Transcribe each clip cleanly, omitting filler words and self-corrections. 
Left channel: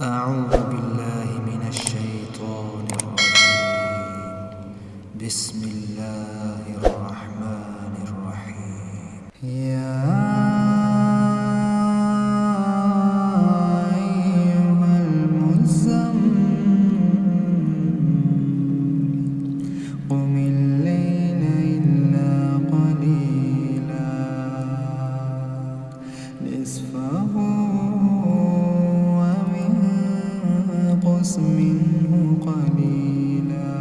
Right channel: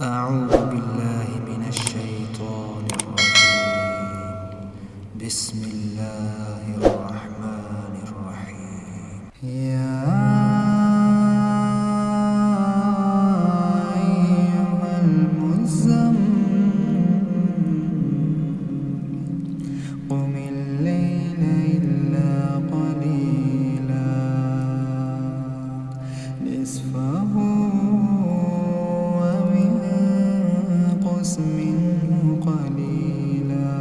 أعوذ بالله من الشيطان الرجيم. بسم الله الرحمن الرحيم. يا أيها المزمل قم الليل إلا قليلا نصفه منه قليلا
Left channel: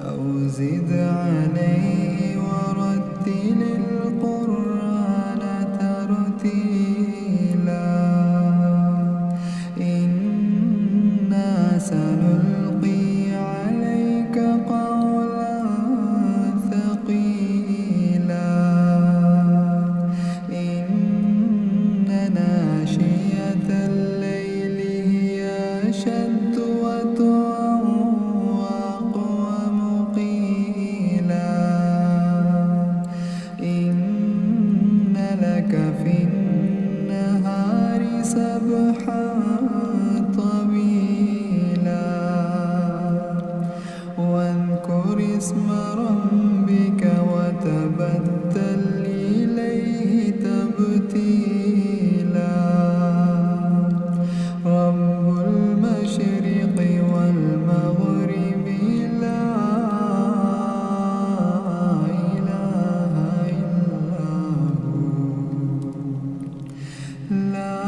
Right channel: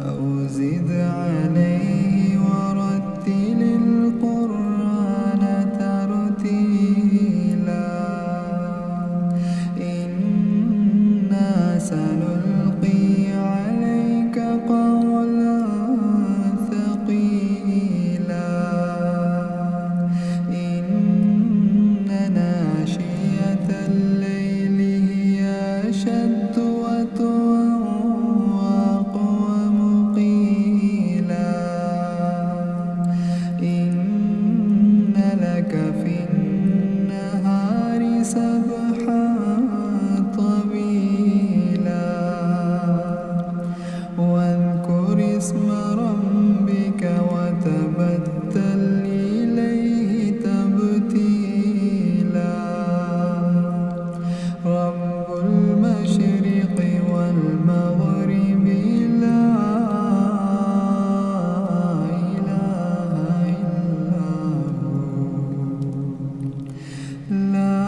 أو زد عليه ورتل القرآن ترتيلا إنا سنلقي عليك قولا ثقيلا إن ناشئة الليل أشد وطئا وأقوم قيلا إن لك في النهار سبحا طويلا واذكر اسم ربك وتبتل إليه تبتيلا رب المشرق والمغرب لا إله إلا هو لا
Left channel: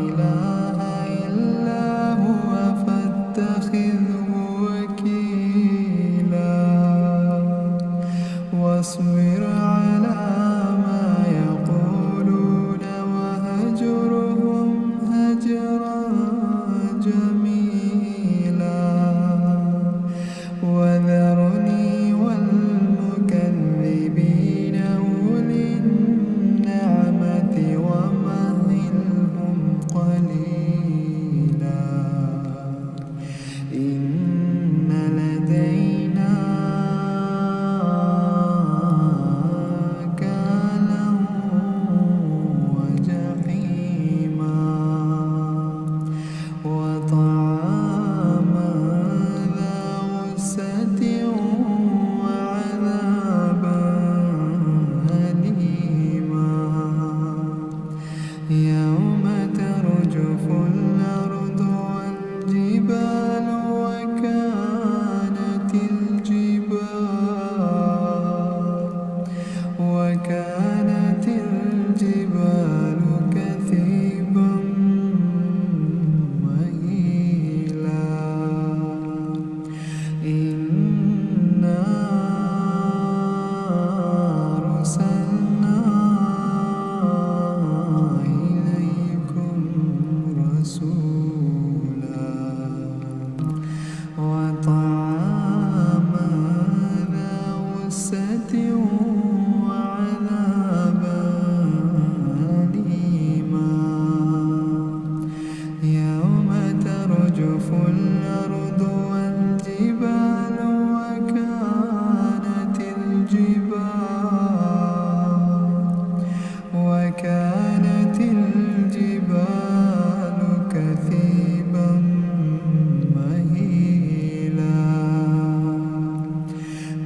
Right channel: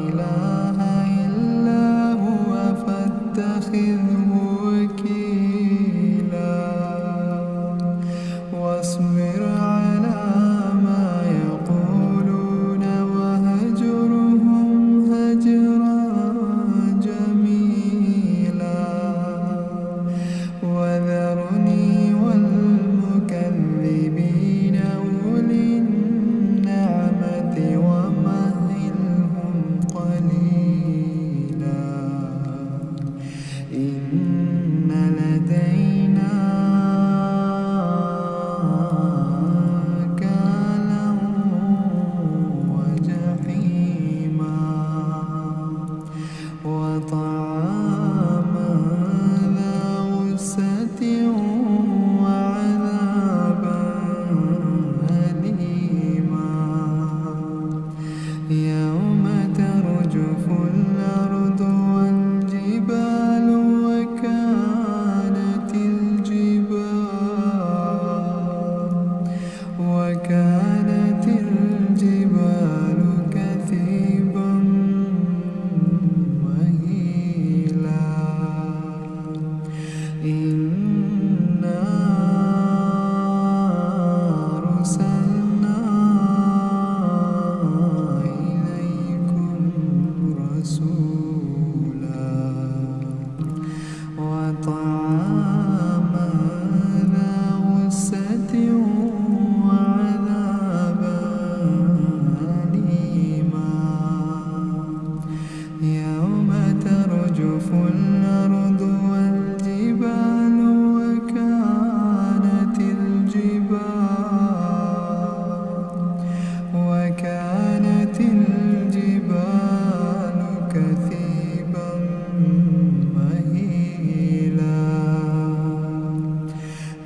إله إلا هو فاتخذه وكيلا واصبر على ما يقولون وهجرهم هجرا جميلا وذرني والمكذبين أولي النعمة ومهلهم قليلا إن لدينا أنكالا وجحيما وطعاما ذا غصة وعذابا أليما يوم ترجف الأرض والجبال وكانت الجبال كثيبا مهيلا إنا أرسلنا إليكم رسولا وطعاما ذا غصة وعذابا أليما يوم ترجف الأرض والجبال وكانت الجبال كثيبا مهيلا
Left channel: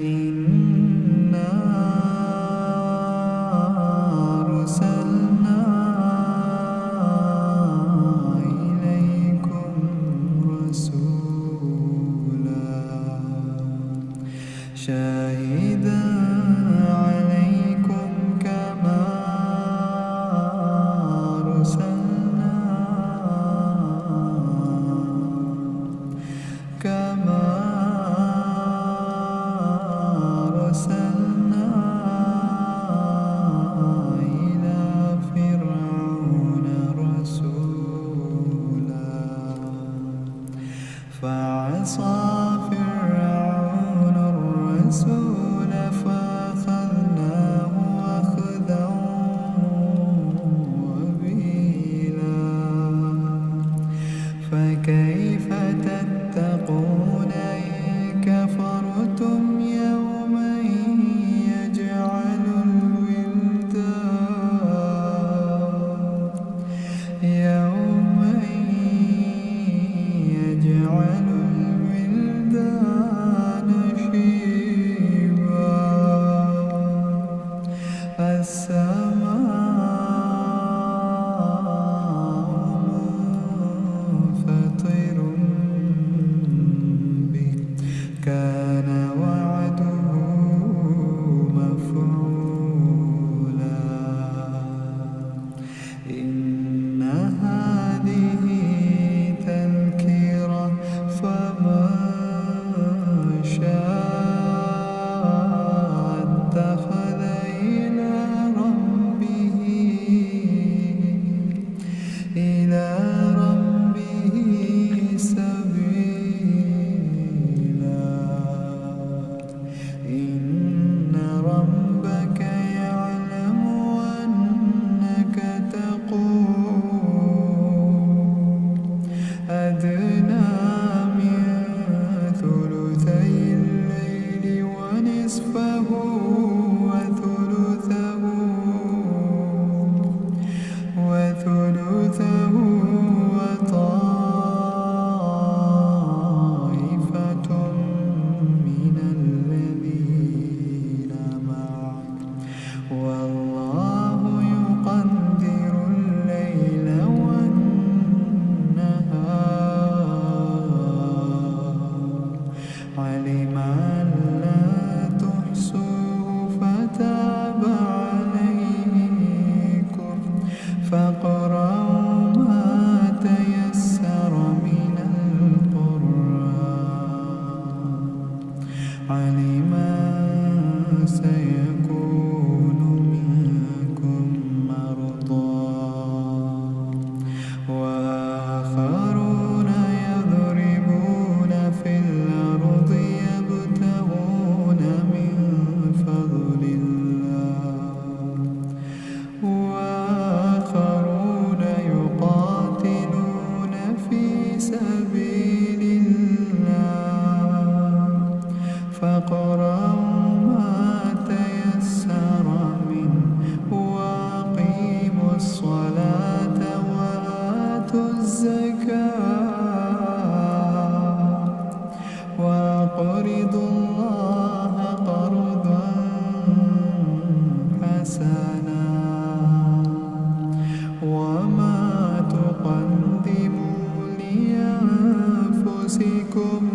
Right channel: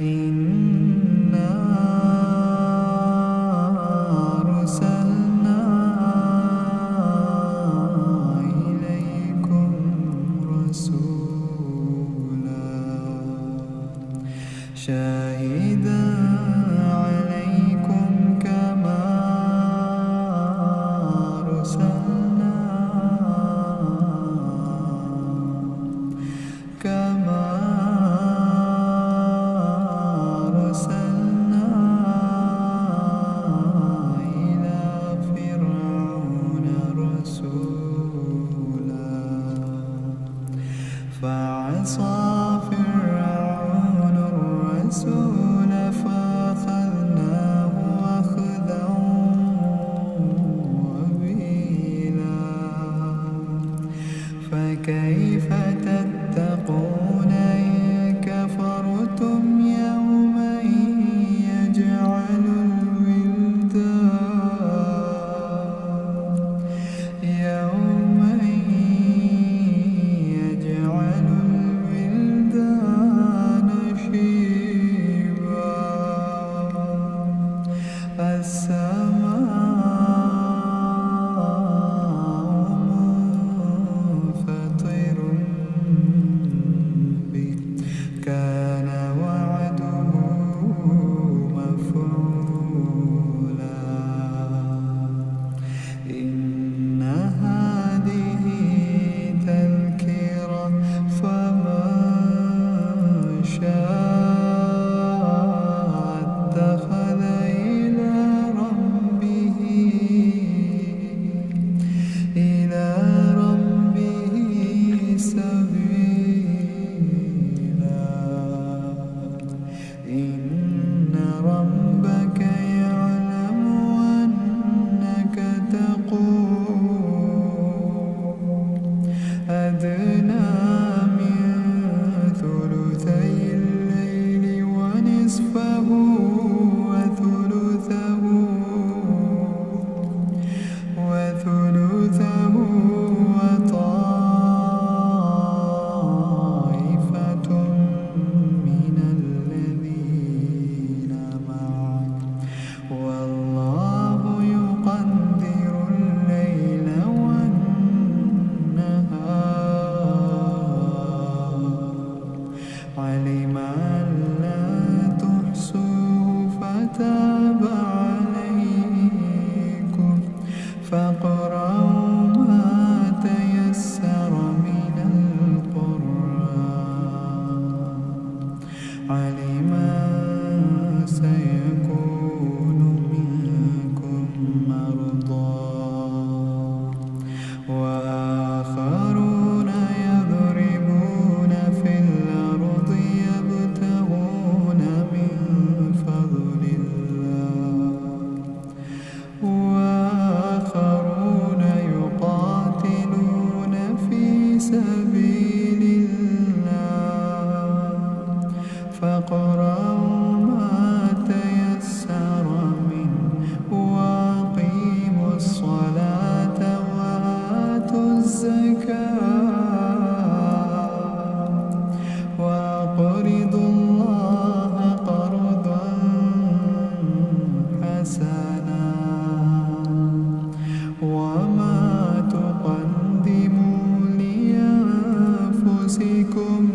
إنا أرسلنا إليكم رسولا شاهدا عليكم كما فاقرأوا ما تيسر من القرآن علما سيكون منكم مرضى وآخرون يضربون في الأرض يبتغون من فضل الله وآخرون يقاتلون في سبيل الله فاقرأوا ما تيسر منه وأقيموا الصلاة وآتوا الزكاة وأقرضوا الله قرضا حسنا وما تقدموا لأنفسكم